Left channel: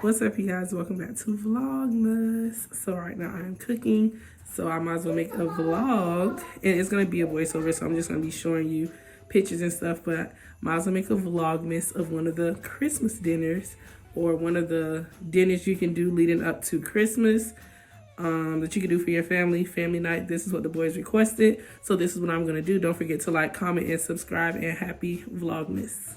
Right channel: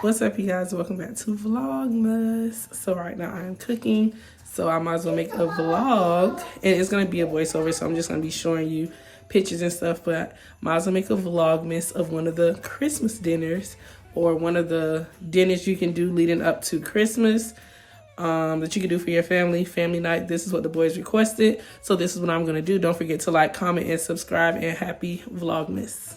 What's up, you guys? Welcome back to Vlogmas. So right now I'm cooking, so I might as well make a vlog, and it's gonna be a voiceover, so I'm just gonna be showing you pictures and stuff, but might as well make a vlogmas of one of the Christmas dinners, or one of the dinners you can do leading up to Christmas, that you can do for your family night. This is what the boys requested, so this is what I'm gonna do. Don't forget to like, comment, and subscribe, and happy Vlogmas.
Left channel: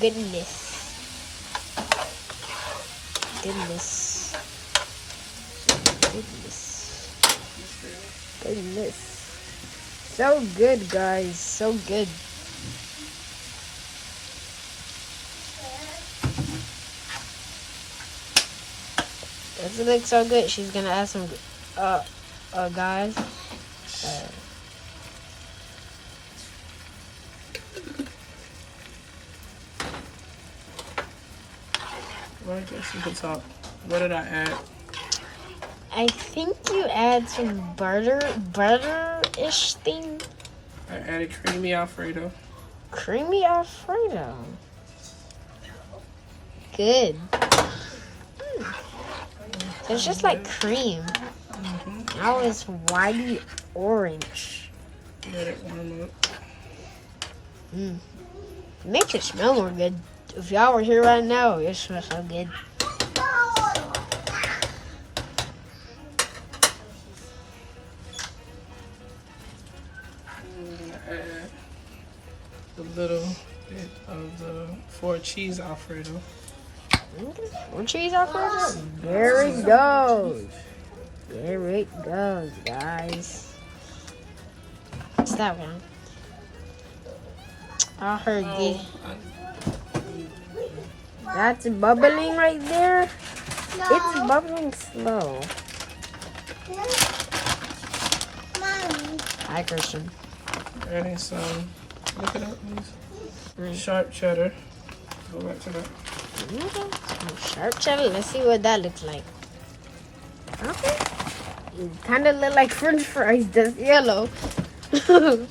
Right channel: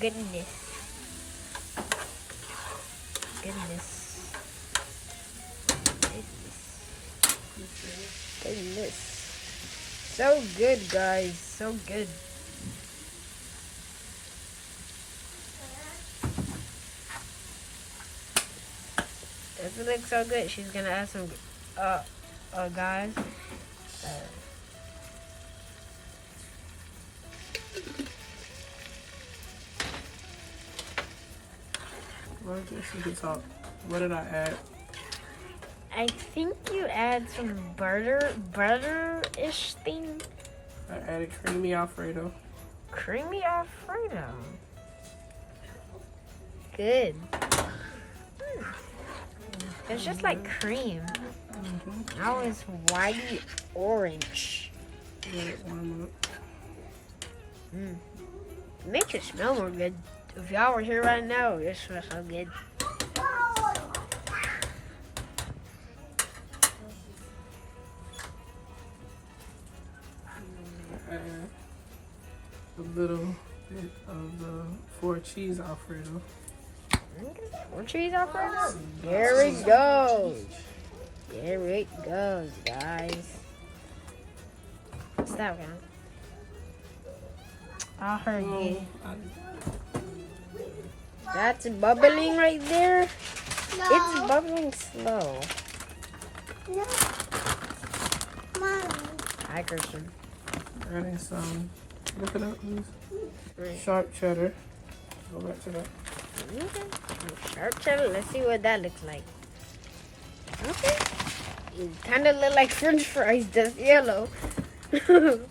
Goodness. So good, guys. So good. Doesn't look so good. She's gonna add some, guys. What did I add? I think you add some butter-ish thing. I added creamy Alfredo. Creamy Alfredo. Good. It's just like cream. Now it's whitey orange. Let it warm up. Makes it smell more good. If y'all were here right now, it smells so good. A little bit of the 4 cheese Alfredo. 4 cheese Alfredo? There it goes. There it goes, guys. What's that one? I heard it. That's bubbling right there. No. It's bubbling slow. Mommy. Hi, Christian. Adding some, look it up, please. Sharp cheddar. Go back to that. Okay. Sharp cheddar. Let's see what that looks like. Okay. It kind of look like French fries. That's yellow. Isn't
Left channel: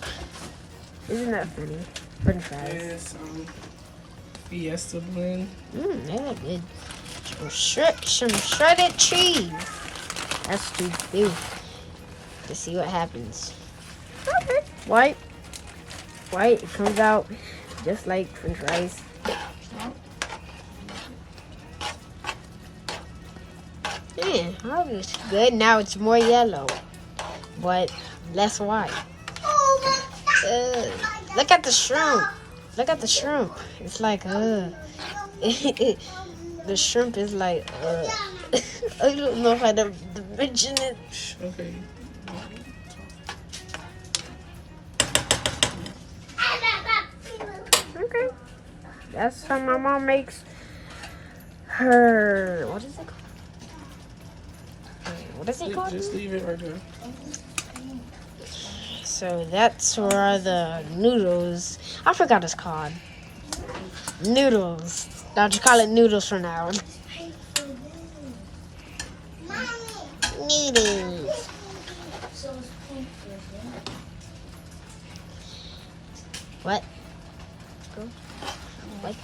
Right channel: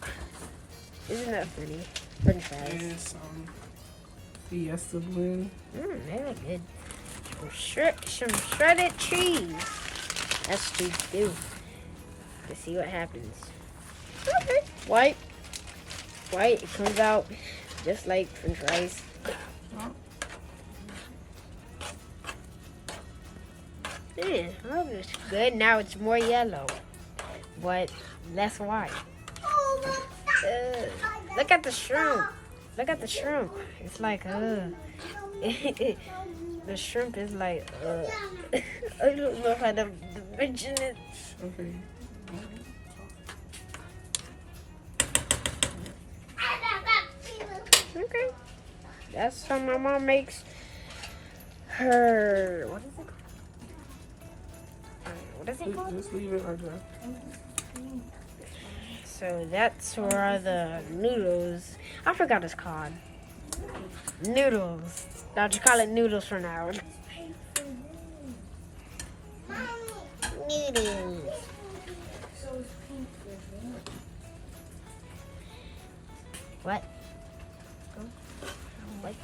that funny? French fries. And some Fiesta blend. They look good. Some shredded cheese. That's cheese too. Let's see what happens. Okay. White. It comes out just like French fries. Yeah, that looks good. Now it's more yellow, but less white. Look at the shrimp. Look at the shrimp. It's like, the shrimp is like, I don't know how to mention it. Okay. Okay. That's how my mom makes her. What is it called? What is it called? Just leave it right there. So that's where the noodles. I forgot it's called. Noodles. I'll just call it noodles for now. Noodles. What? What?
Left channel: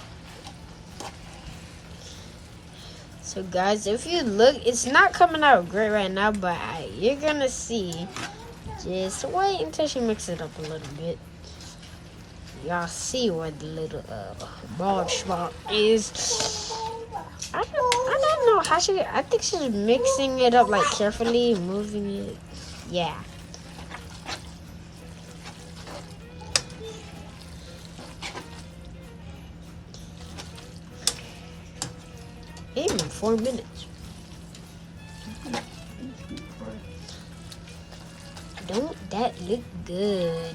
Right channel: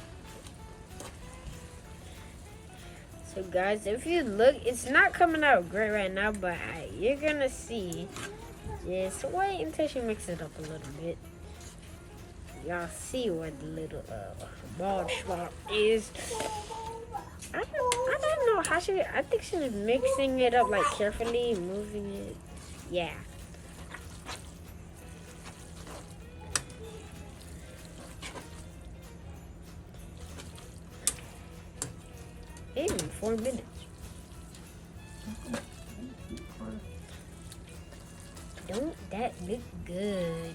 So guys, if you look, it's not coming out great right now, but you're gonna see. Just wait until she mixes it up a little bit. Y'all see where the little bald spot is. I don't know how I think she's mixing it up like carefully, moving it. Yeah. Even 4 minutes. Don't that look good?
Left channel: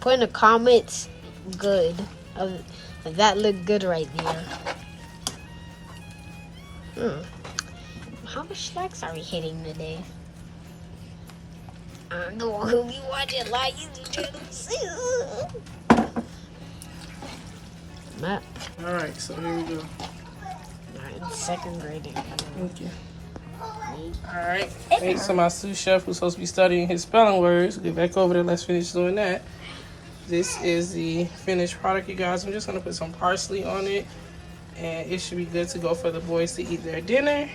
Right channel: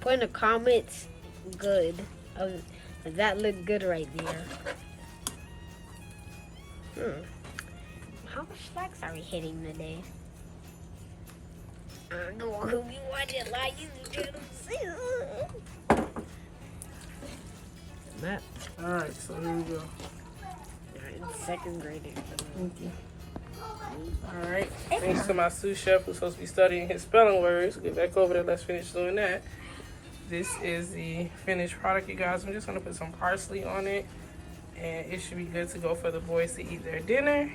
Put in the comments good. That look good right there. How much likes are we hitting today? I don't know who be watching like YouTube channels. Map. Alright, so here we go. Alright, second grade. Thank you. Alright, thanks to my sous chef who's supposed to be studying his spelling words. Get back over there, let's finish doing that. This is the finished product, you guys. I'm just going to put some parsley on it. And it should be good to go for the boys to eat their dinner.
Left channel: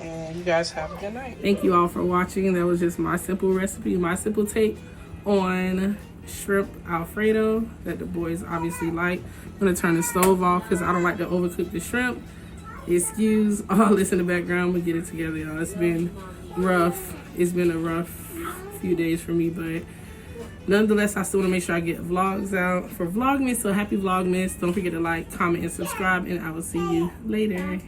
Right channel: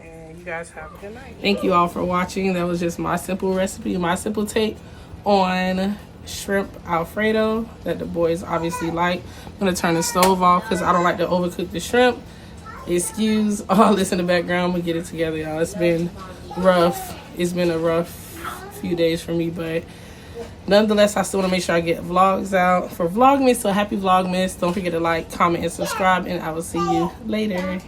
And you guys have a good night. Thank you all for watching. That was just my simple recipe, my simple take on shrimp Alfredo that the boys obviously like. I'm going to turn the stove off because I don't like to overcook the shrimp. Excuse all this in the background. We get it together, y'all. It's been rough. It's been a rough few days for me, but nonetheless, I still want to make sure I get vlogs out for Vlogmas. So happy Vlogmas. Don't forget to like, comment, and subscribe, and I will see you later.